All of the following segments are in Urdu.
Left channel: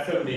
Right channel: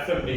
FMD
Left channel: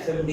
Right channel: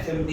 FMD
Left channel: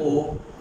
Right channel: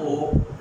O।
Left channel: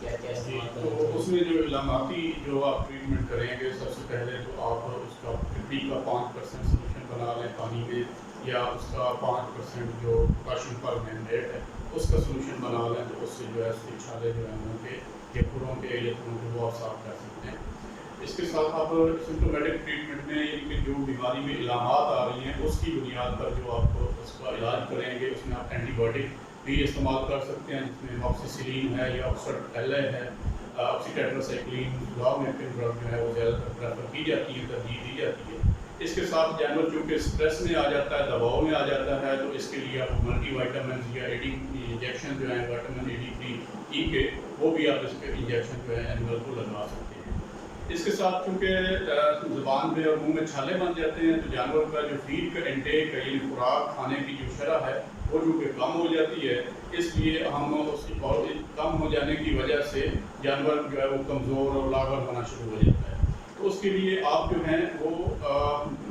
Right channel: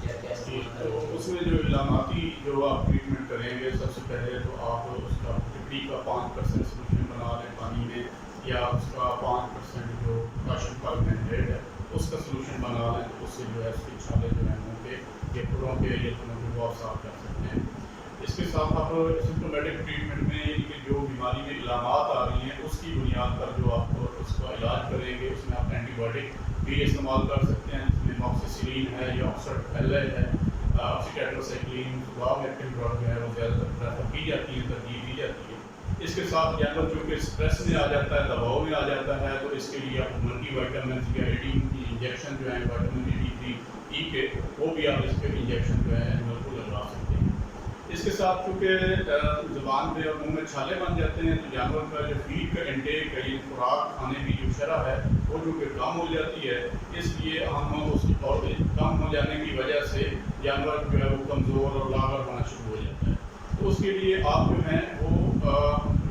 کیا کیا جی، استعمال تو کریں؟ اس میں جو علاماتی جو آپ ٹریٹمنٹ کریں گے، سب سے پہلے تو آپ اس کا پھٹکڑی کا 5% سولوشن بنا لیں پانی میں، یا اس کا 5% جو کاشن پر مینڈیٹ ہے اس کا سولوشن بنا لیں، تو اس سے جو ہے اس کے چھالے جو ہیں منہ کے یا کھروں کے یا کھروں کے وہ آپ صاف کر سکتے ہیں۔ اس کے ساتھ آپ سمٹومیٹک ٹریٹمنٹ میں یعنی کہ جو بیماری میں علامات آ رہی ہیں اس کی بنیاد پر جو آپ اس کا علاج کریں گے، اس میں آپ اینٹی بایوٹک بھی استعمال کر سکتے ہیں، جس میں موکسیسیلین ہے یا آکسفورڈ ایل اے ہے، آکسیٹیٹراسائیکلین، صبح میں پن ڈرگ جو ہے وہ زیادہ تر پریفر کی جاتی ہے، ترجیح دی جاتی ہے۔ اس کے ساتھ جانور چونکہ اسٹریس میں آ جاتا ہے، دباؤ میں آ جاتا ہے، تو اس کے لیے آپ ملٹی وائٹامنس یا انجیکشن جو ہیں وائٹامن A کے وہ بھی آپ اس کے انجیکشن جو ہے اینیمل کو لگا سکتے ہیں۔ اس کے ساتھ چونکہ زبان پہ اور منہ میں چھالے بن جاتے ہیں، تو جانور کا جو فیڈ کا انٹیک ہے، یعنی خوراک کھانے کی جو شرح ہے وہ چونکہ کم ہو جاتی ہے، اس لیے ہم اس اور کم ہو جانے کی وجہ سے جانور جو ہے وہ کمزور اور لاغر ہونا شروع ہو جاتا ہے۔ تو اس کے لیے آپ جو ہیں وہ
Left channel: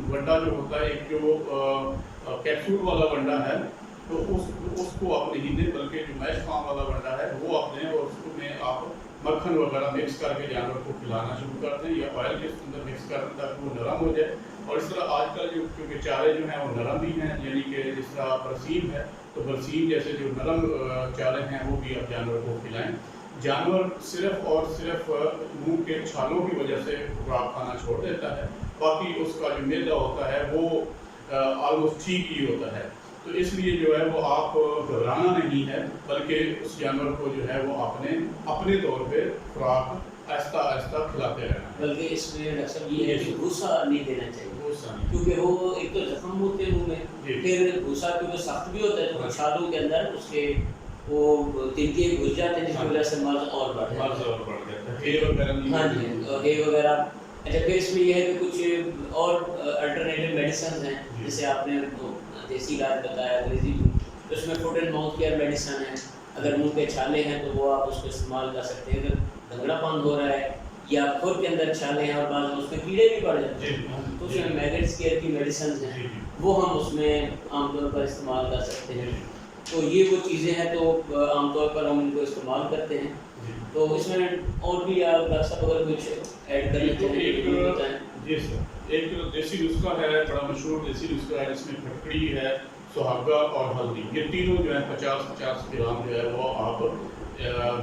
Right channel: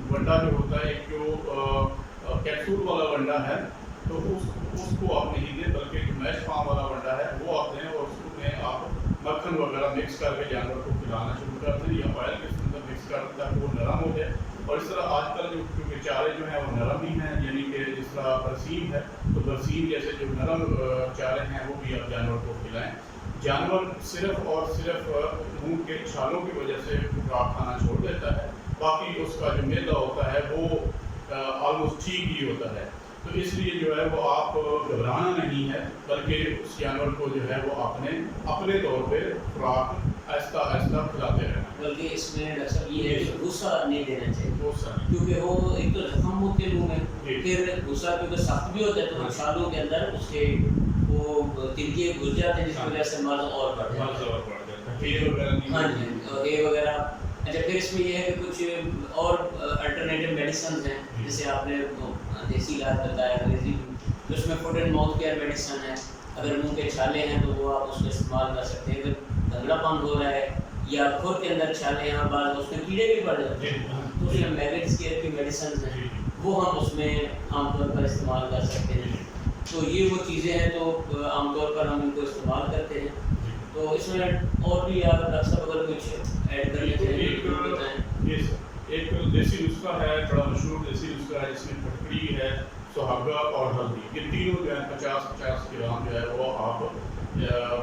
ونڈا جو ہوتا ہے، ایک جو کیپسول والا ونڈا ہے، تو اس کو آپ نہیں دیں، بلکہ جو میش فارم والا ونڈا ہے وہ آپ دیں، اور اس میں آپ مکھن وغیرہ مکس کر کے جانور کو کھلانا شروع کر دیں، یا آئل کے اندر مکس کر دیں تاکہ وہ نرم ہو جائے۔ اور اس طرح آج کل جو کیونکہ چارے جو ہیں وہ نرم بھی ہیں، یعنی کہ جس طرح برسیم ہے تو برسیم جیسے جو نرم چارے ہیں وہ بھی آپ جانور کو کھلائیں۔ جانور صرف اور صرف منہ کے چھالوں کی وجہ سے خوراک کھانا چھوڑ دیتا ہے، باقی اس کا جو معدہ ہوتا ہے وہ آلموسٹ ٹھیک ہی ہوتا ہے۔ تو اس لیے جو ہے وہ آپ گھبرانا نہیں ہے، بلکہ اس جانور کو جو ہے وہ اپنے طور پہ خوراک آہستہ آہستہ کھلاتے رہنا۔ بلکہ اس میں ڈاکٹر صاحب یہ ہے کہ غصہ نہیں دینا چاہیے، بہت ساری کیونکہ وہ ایک تو زخم ہوتے ہیں منہ میں، جی۔ پھر غصہ کیونکہ سخت بھی ہوتا ہے تو وہ چھالوں کے اندر اس کے وہ تنکیے گھس جاتے ہیں، جس کی وجہ سے مرض اور بڑھ جاتا مرض ہے۔ اور بڑھ جاتا ہے، ہیئر وغیرہ نہیں ہاں جی، ہے وغیرہ۔ اچھا، پھر اس میں یہ ہے کہ کچھ اور الٹرنیٹیو میڈیسنز ہیں، جیسے آپ نے دیسی علاج بتایا انگریزی میں، تو اس میں foot and mouth care medicine ہے، اگر منہ کے چھالے ہیں تو وہ آپ اس کو استعمال کر سکتے ہیں۔ اگر دھنگڑا پن ہو رہا ہے یا کھر کے اندر چھالے ہیں اور بعض اس میں کیڑے بھی پڑ جاتے ہیں، تو اس میں میگٹس کیئر کی میڈیسنز ہیں، وہ ہم اس میں عام طور پر استعمال کر سکتے ہیں۔ تو یہ وہ چیزیں ہیں تو عام طور پر ہم ان کو استعمال کرتے ہیں۔ تو اس میں اور بھی آپ ڈاکٹر صاحب اگر کچھ ایڈ کر لیتے ہیں تو بتائیں۔ جی سر، ایک دیسی نسخہ ہے، بڑا مشہور دیسی نسخہ ہے، جس میں پھٹکڑی ہے، سہاگا اور ہلدی، یہ تینوں جو ہے 50-50 گرام جو ہے وہ آپ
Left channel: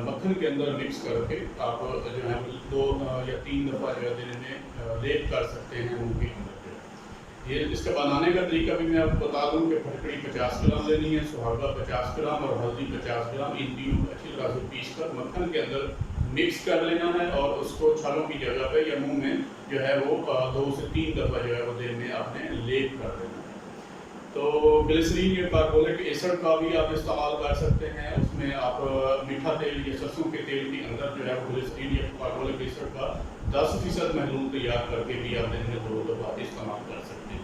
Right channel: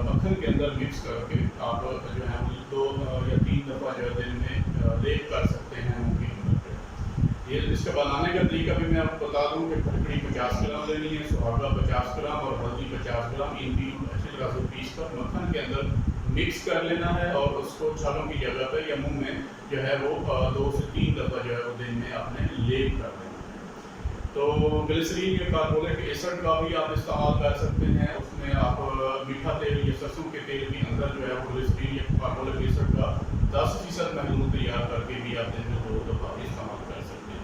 مکھن کے اندر مکس کر کے آپ جو ہے 2 یا 3 دفعہ جو ہے دن میں لیپ کر سکتے ہیں منہ کے اندر پہ۔ یہ اس کا بنانے کا طریقہ بھی میں آپ کو بتا دوں کہ پھٹکڑی 50 گرام لینی ہے، سہاگا 50 گرام اور ہلدی 50 گرام، ان تینوں اچھی طرح سے پیس کر مکھن کے اندر مکس کر لینا ہے، اور اس کو چھالوں کی جگہ پہ یا منہ میں جو ہے وہ 2 سے 3 دفعہ جو ہے وہ دن میں آپ نے لیپ کر دینا ہے۔ تو گلیسرین یا کاربولک ایسڈ کا بھی آپ استعمال کر سکتے ہیں، اس میں آپ میٹھا تیل یا سرسوں کے تیل کے اندر جو ہے وہ گلیسرین یا کاربولک ایسڈ کا 10% محلول تیار کر کے بھی آپ دن میں 2 دفعہ استعمال کر سکتے ہیں۔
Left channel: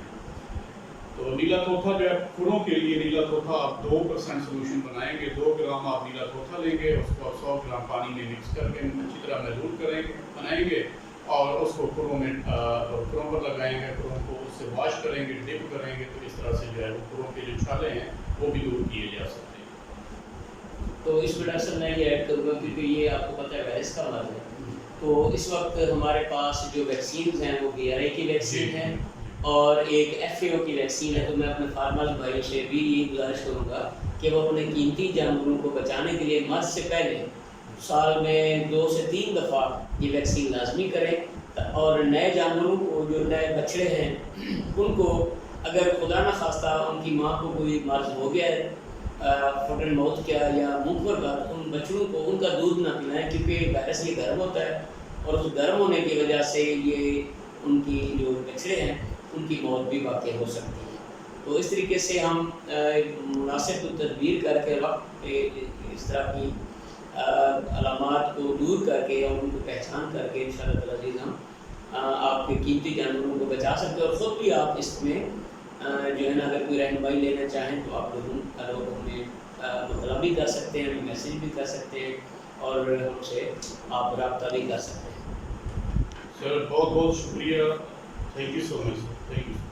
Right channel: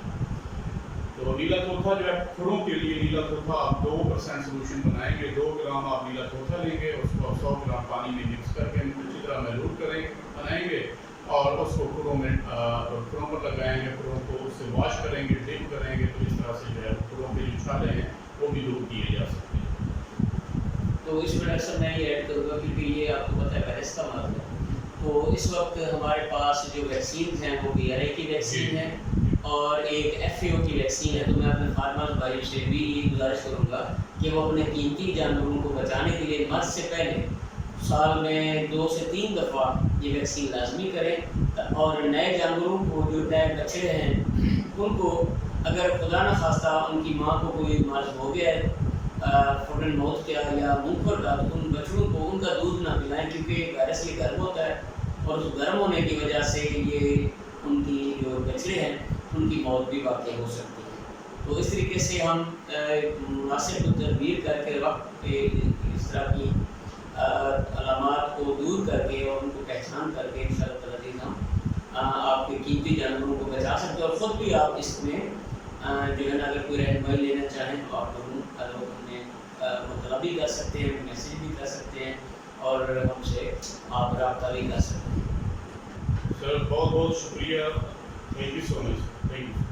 تو نیلا توتھا جو ہے کھروں کے لیے، نیلا توتھا آپ 2% سولوشن بنائیں گے، 2 گرام آپ نیلا توتھا لیں گے، اس کو 100 گرام پانی میں مکس کر کے اچھی طرح محلول بنائیں گے، اور اس کو کھروں پر لگائیں گے، کھروں کو اس سے واش کریں گے، ڈپ کریں گے، تو اس طرح سے جو ہے کھروں کے جو چھالے ہیں وہ بھی دور کیے جا سکتے ہیں۔ تو اس میں ڈاکٹر صاحب میں یہ ایڈ کروں گا، کیونکہ یہ آپ کو پتہ ہے وائرس کا مرض ہے، تو اس وقت ہمارے پاس جو ویکسینز ہیں وہ BRA کی ویکسین ہے اور ایک FAO کی ویکسین ہے۔ تو میں اپنے فارمرز بھائیوں سے بھی گزارش کروں گا کہ وہ اپنے قیمتی جانوروں کو بچانے کے لیے مرض سے پہلے سال میں 2 سے 3 دفعہ یہ ویکسین لازمی کریں، اور نئے جانوروں کو جو نئے بچڑے ہیں ان کو اگر خدا نہ خواستہ ان کی ماں کو کوئی مرض ہو گیا ہے فوٹ اینڈ ماؤتھ کا یا منہ کھر کا، تو ان بچڑوں کو ان کا دودھ نہ پلائیں، کیونکہ وائرس یہ گرم ہوتا ہے، اور اس گرم ہونے کی وجہ سے یہ ان کی جو بچڑے ہیں ان کی موت بھی واقع ہو سکتی ہے۔ تو اس طریقے سے ہم مناسب تدبیر کر کے وقت اس طرح کی علامات کو دور کر کے اور ان کو پہچان کر کے انشاءاللہ تعالی عزیز ہم آپ کے قیمتی جانوروں کو بچا سکتے ہیں، اور خود بھی آپ اس میں جو ہے نا اگر کوئی رہنمائی لینا چاہیں تو آپ لوگوں ہمیں مطلع بھی کر سکتے ہیں، ہمیں میسیج بھی کر سکتے ہیں، اور ہم سے آپ رابطہ بھی کر سکتے ہیں۔ سر بہت بہت شکریہ، thank you so much, thank you.